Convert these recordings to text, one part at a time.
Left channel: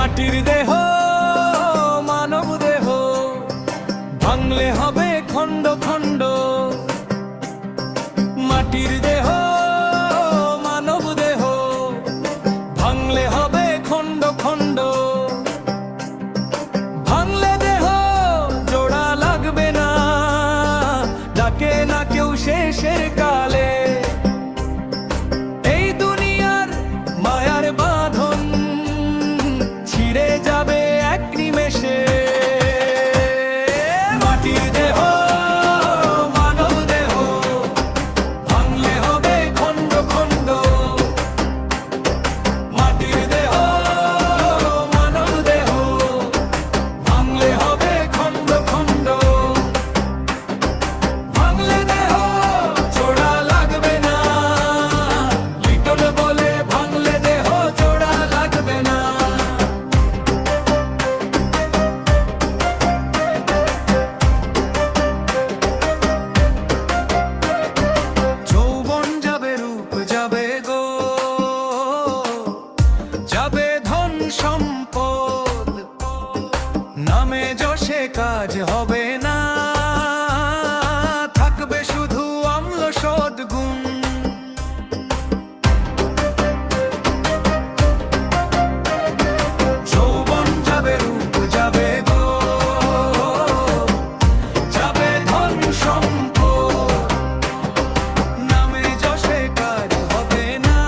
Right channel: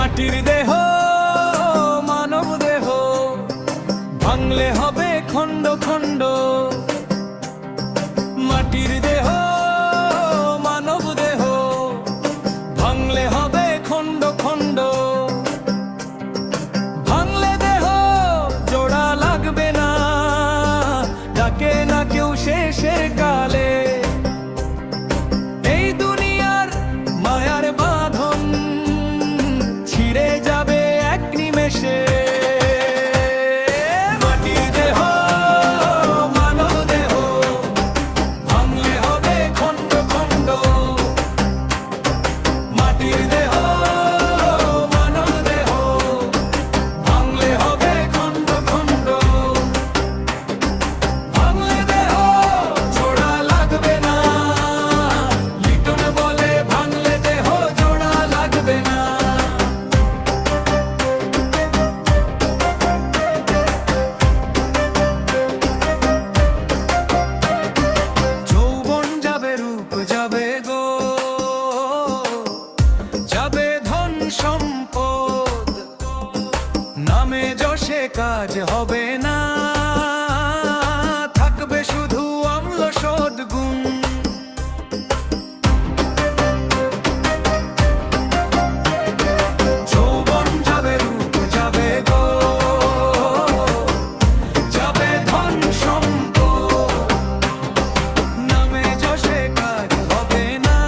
মাটির দেহ মানব দেহ, ভাঙলে হবে খণ্ড খণ্ড। মাটির দেহ মানব দেহ, ভাঙলে হবে খণ্ড খণ্ড। ভাঙলে দেহ জোড়া লাগবে না, ডাকে না কেউ শেষের কালে। এই দুনিয়ার মায়ার বাঁধন ছিঁড়ে যাবে এক নিমেষে। মাটির দেহ মানব দেহ, ভাঙলে হবে খণ্ড খণ্ড। মাটির দেহ মানব দেহ, ভাঙলে হবে খণ্ড খণ্ড। ভাঙলে দেহ জোড়া লাগবে না, লিটন বলে ভাঙলে দেহ জোড়া লাগবে না। যৌবন যাবে রূপ যাবে গো, যাবে ধন সম্পদ, নামে যশে কাজ হবে না, থাকবে শুধু অম্ল সদ্গুণ। যৌবন যাবে রূপ যাবে গো, যাবে ধন সম্পদ, নামে যশে কাজ হবে না,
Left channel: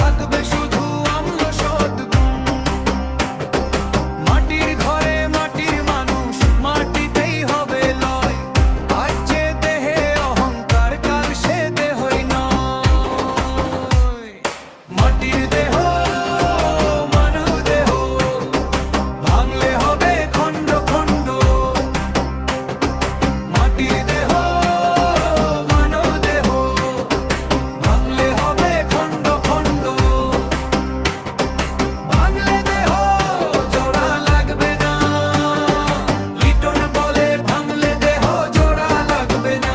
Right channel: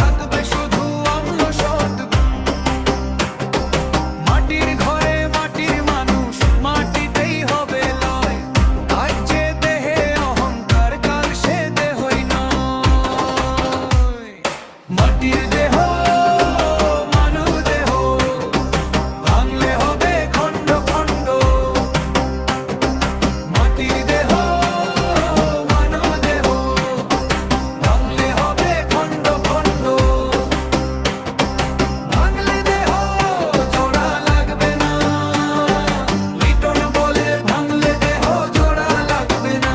থাকবে শুধু অম্ল সদ্গুণ। মাটির ঘরে মাটির মানুষ, মাটিতেই হবে লয়। আজ যে দেহে অহংকার, কাল সে দেহই নয়। মাটির দেহ মানব দেহ, ভাঙলে হবে খণ্ড খণ্ড। মাটির দেহ মানব দেহ, ভাঙলে হবে খণ্ড খণ্ড। ভাঙলে দেহ জোড়া লাগবে না, লিটন বলে ভাঙলে দেহ জোড়া লাগবে না।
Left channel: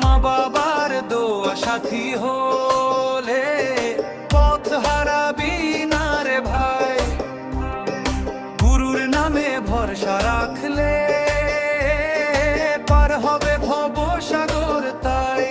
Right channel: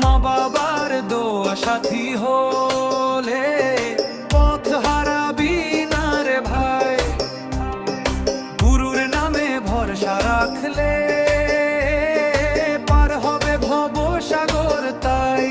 মা বাবার দোয়া সাথী হলে পথ হারাবি না রে ভাই। গুরুর নামে ভরসা রাখলে পার হবে ভব সাগর তাই।